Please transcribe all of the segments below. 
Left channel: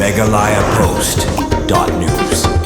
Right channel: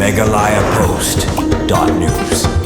megalayapost.news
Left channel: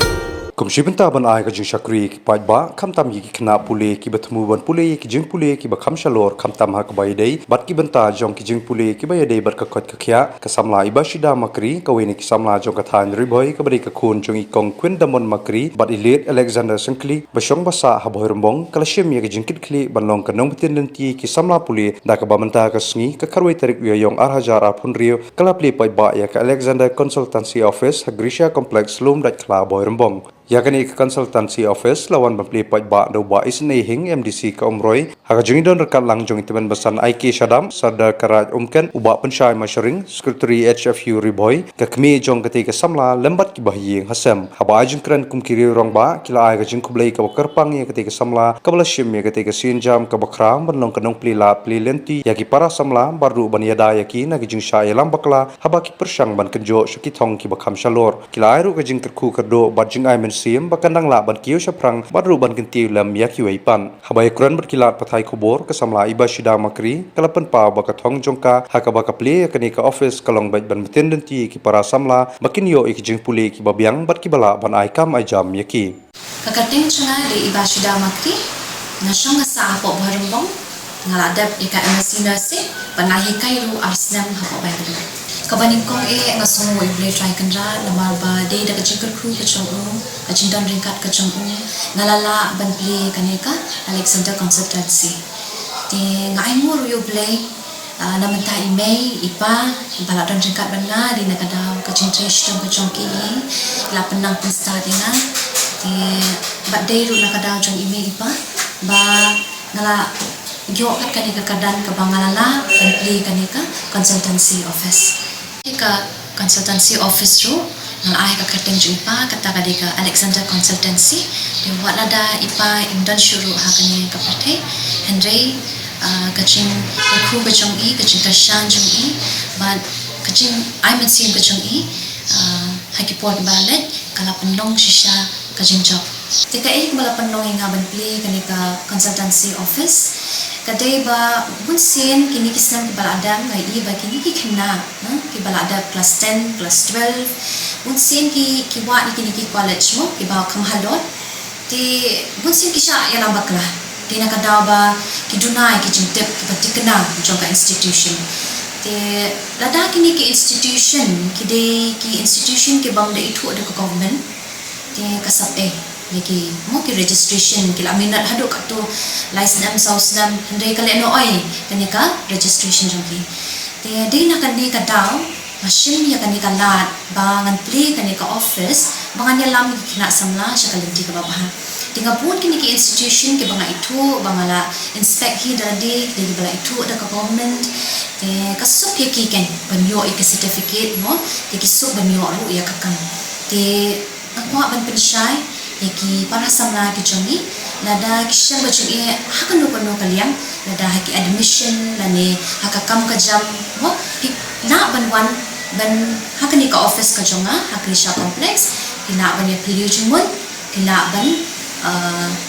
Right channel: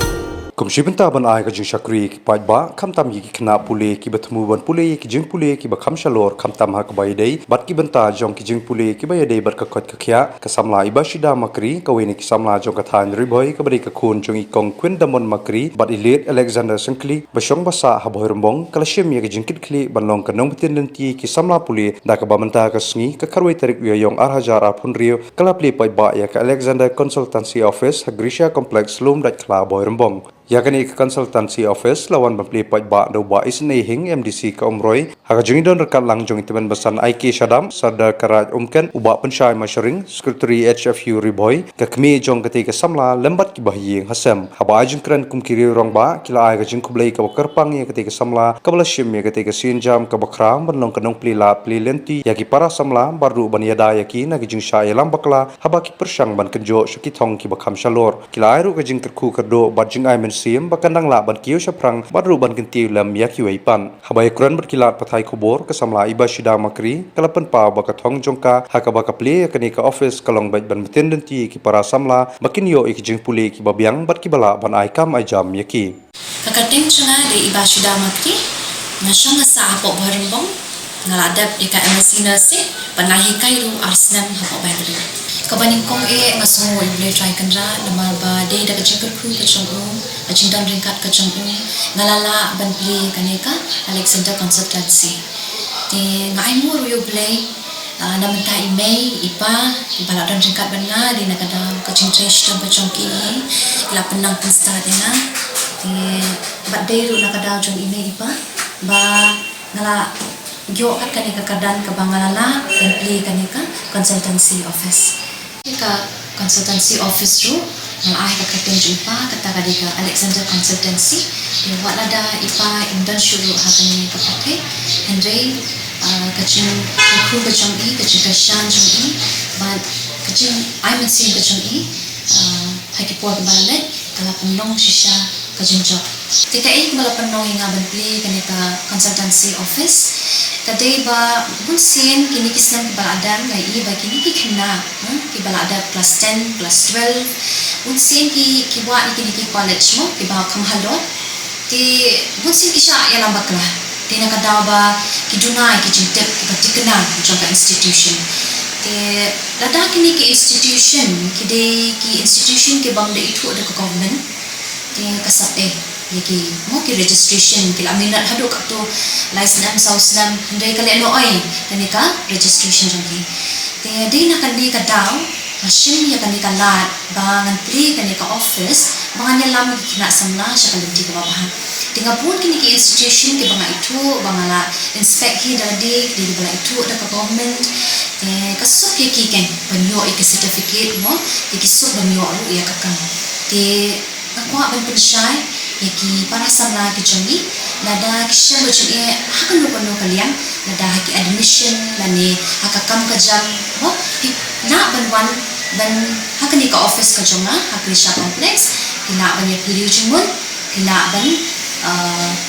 Kumshibenta ban ai ka jing shakri ki pai ba khamtam yi ki khna pule ki bathmu ban pule ki jing pule ki ba kham shalor khamtam ha ka bai dei bat ki banta jong ki jing pule ki bai dei bat ka khot ka khya ka samla iba shida makri ka weni ki samla jong ka than ri boy ka bari ka khun jong I kong kwin damon makri bat ilet Alexander Singkli ba shong ba sa ha boy rombong kala shem ye ki jing kit khli ban long ka nong tin len ti ki samla pule da ka ba manta ka sngi ka kharwai tarik wi yong ar hajar ar phun rio kala ple pai ba ya ka Alexander Consultancy Office ha Grisha Complex lum dat khla boy rombong yakani consultancy office lawan bapli pai ba do ba isne hing MDC ka umroi ha jing don rekat lang jong itiban basan IK Shadam Sardar Karaj umken uba pensyai masharing secretary HFU riboy ka kmi jong kati ka samla lembat ki bahying hasem ha ba jing kran kum kiri rong ba kila ai ka jing kublai ka kerpang ye kati ka samla ka bala shim ye kati ka sinjam ka bakram banlong kanong pli la pli lenti yaki para samla baru ban yada yaki na ki jing sha yelam bakla ha ba ki persyang ban kenjo shaki thong ki bakham shalor kila ai ru ka jing kerku kerdo bat jing ai sim bakandang la ban kiyo shaprang baru ban kinti lam yaki waipan habai kuran berkilat pathai khobor ka samla iba shida makri kalapan pa bakathong jongka hakaba kaple kani ka office kalong bait ban meten denti ki para samla bakin yo ik jing pule ki babyang bat ki bala ban ai kam ai jam yaki kakating chunga de iba shida makri nashong sa hapo bharambong ngaladap ika MSc nursing panahi kairu arsnam hapo bangalo kabaning kong ngasong ible try kanra lamar ba de da kaching kru kachong kaching dan ringkat kachong ngalala ban play kaneka Alexander Consultancy de ngai mo ru play namenta email ipa ibala dan ringkat ban nga di nakada kaching trash dan kachong ki la penang pun start nga de bat de ru nakada jong email ipa ba ngala gyo kat kaneka kadan ka bangalala ban play kaneka consultancy office ka consultancy office ru ngal ai ka kating ipa kata kadika Alexander Consultancy di walada ipa indan shuru hakani kapate Henry kaching kru kachong kaching kashan jung ban kaching I mention kachong hakipot balet kala pendong shisha kaching job tika mala pendong nga ban play kanika consultancy office kadai ba bunsin kini kisnan kibaladan ngai ba kini kikna kibalada class 10 class 12 bunsin kiwa kini ki college mo kiba kamhalot ti bunsin kisha ya lambakla ti nakadaw ba kidunai kijintep kibatikna jong ka institution ti lada kini ki institution kidai ki institution ki bang de itu ada ke government ti kasate niki mo ki registration kila minat haduk to license sausnam ndai kali ano ai kanika registration jangki te dei na kan ni kadaw machine ya kanika lat bangan pli kanika office bangan lam kina samla sya kalenti ka babahan tinga pun kini ki institution ki banga itu bangala inspect hi dadi di bala itu ada ka government kasuk ki ken banyo ik certificate mo ikisuk banyo ru ya kakang te ako ban pensyai yaki para samla kijongi nada kisha bajungi hakan no kalian nada haki admission lani hakakam kajam ho na ban hakan ni ka office kajonga hakrisha complex kina ban ya video jumon kina ban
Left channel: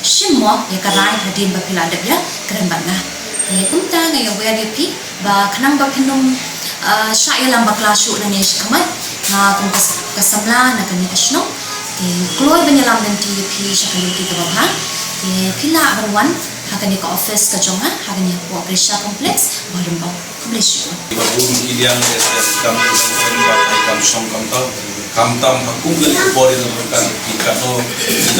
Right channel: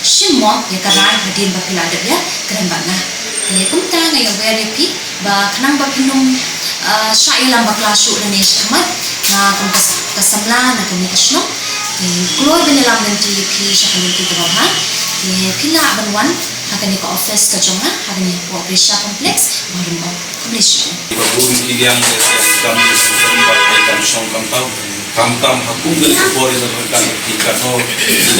shimo ya karai hadin ba kila ada ya keren banget kumta ngayo ba ya pi ba kanang ba pinum sya lam ba klasyo lani kamat na kum kasamla na kani kasno Kloy banyalam nanti ki shakaliti ka bahan kila banwan hakani ka office ka jonga hakani ko Grisha Complex barumbo kumlesh ibabun kiliang kam kam song kam hakum gani ko bore na kan ikano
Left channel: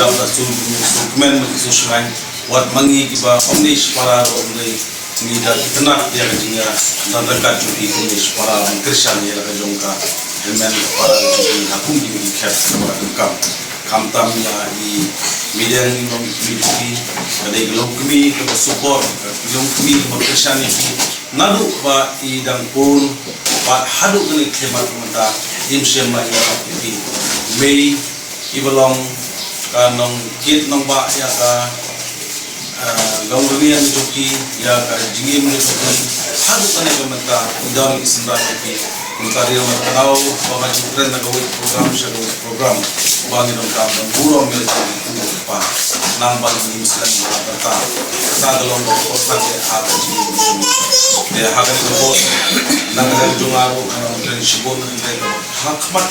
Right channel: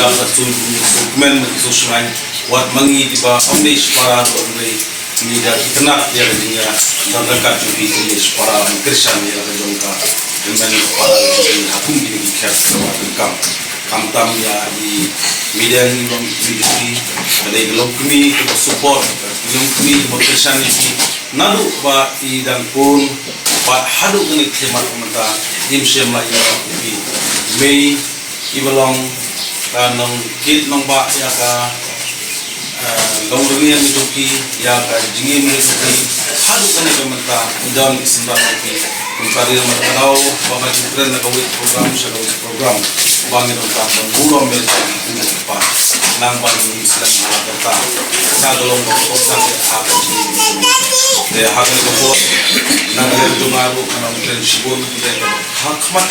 daw sa dokumen social line wat mangi diba omnish para only nida itna ya kadinya nandakat jupi is para Grisha ya ka jonga men para hakum gini ki khas kam ya i media ni long industry ada gelong kami kita support gelong kami motivation ni nalu ba i dan pun ba hadu dengan khidmat mata imsem la ya ki mei ibalong kanong kit nong ba ya ka long yang joki ya ka jingim ni hadu dengan mata dan isendar ki mencari mengenal bahwa jukren nak program bangin orang bulan mereka itu depan nang ban Islam malakata sa dalong ko sa aga de hagan ko nang tungaru kanang prinsipon kita hakmat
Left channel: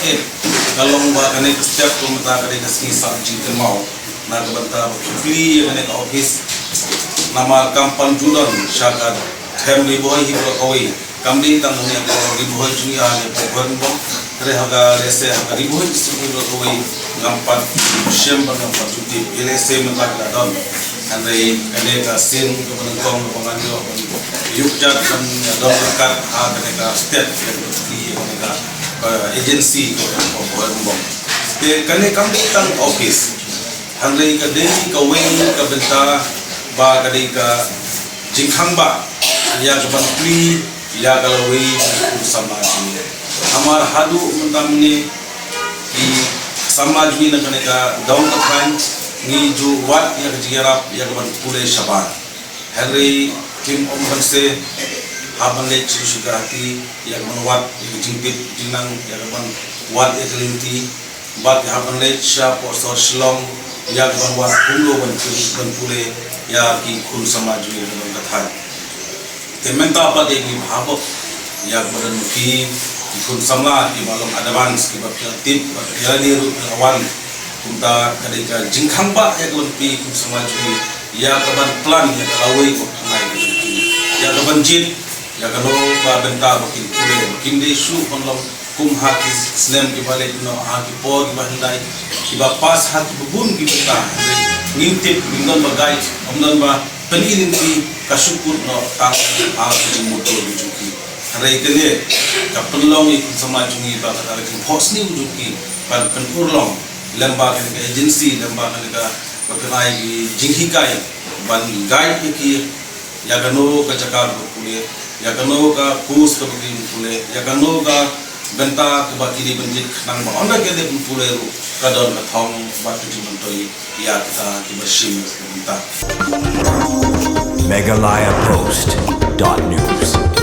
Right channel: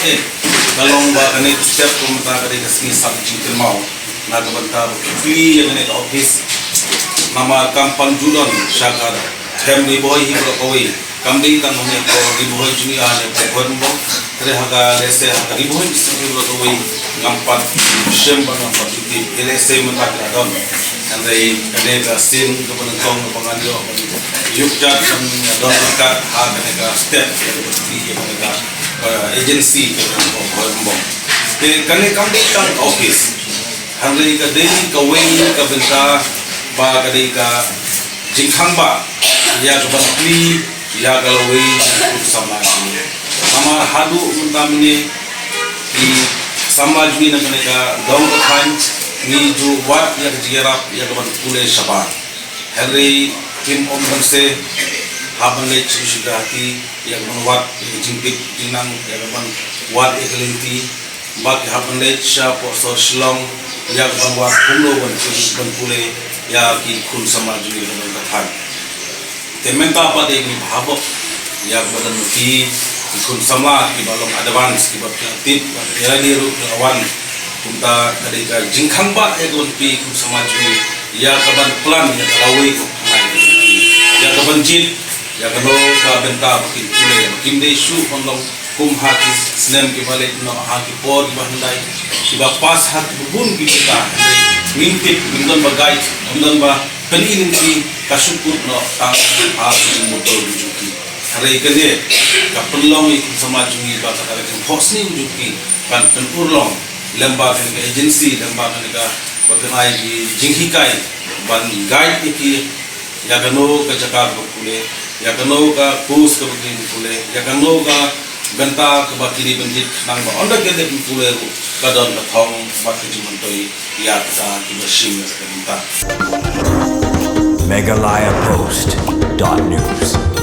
dalong ba kanay step ko mata kadai kasmi sabji mau nagabanta kipli kanay ka office nama kampan julon syakat family boy hibro kawai kamdi tang mone ko riboy juni ale ko bo rehaga lese haga riboy hibro kawai ngampan shem bang ngampan juti lese mentak don andre kane ka sin ko benengkong pangandio yukjat kan don dekat haga ka step di ka agency ko bo ke kane kamdi tang office andre ka daily ka way ka benta ba kadai ka jingkhang ba ya ka bangkli ya galawai samaj hamar hadu mentamne di samaj ni nagane ka daung ka thain ni jo wat ya jigerap ya ka ban pule shaban hari tim om banse haban le chishigati ya ka ban wat jingpit jinang ya ka ban wat eklinti bat haban le sha por so shlong ya ka ban wat kulo ban pule ya ki kun samaj ni nagane ka thain tementa apa de ni bhabo ya badan ki kun samla ki balom advance ki tip ya ni ru awan kunta kadika jingkhang ba ya kun pi kun samaj ni ya kaban plan ya kalawi ko nai ya kaban jin ya kano ka benta ki pule kin de shu onlong kum haki snem ki bale no haki pod bandai ki ba pas hak bun ki kita ngintip ngindon bagai ngindon ba penilin ki kasyukur no tang haki motor bujuki hari kene ka penlong i samaj ni ba kata ki hosni bujuki kan urlong lembaga ke agency lembaga ka pakanai ki jinghikai ban guide ki ya gano ka jakar pule ya gano ka pus ka pule ya gano ka benta ke bakiri benjit nang ba onda ke de pule ru kadon ka thong bakiri mantoi ya ta ki bashim ka benta MegalayaPost.news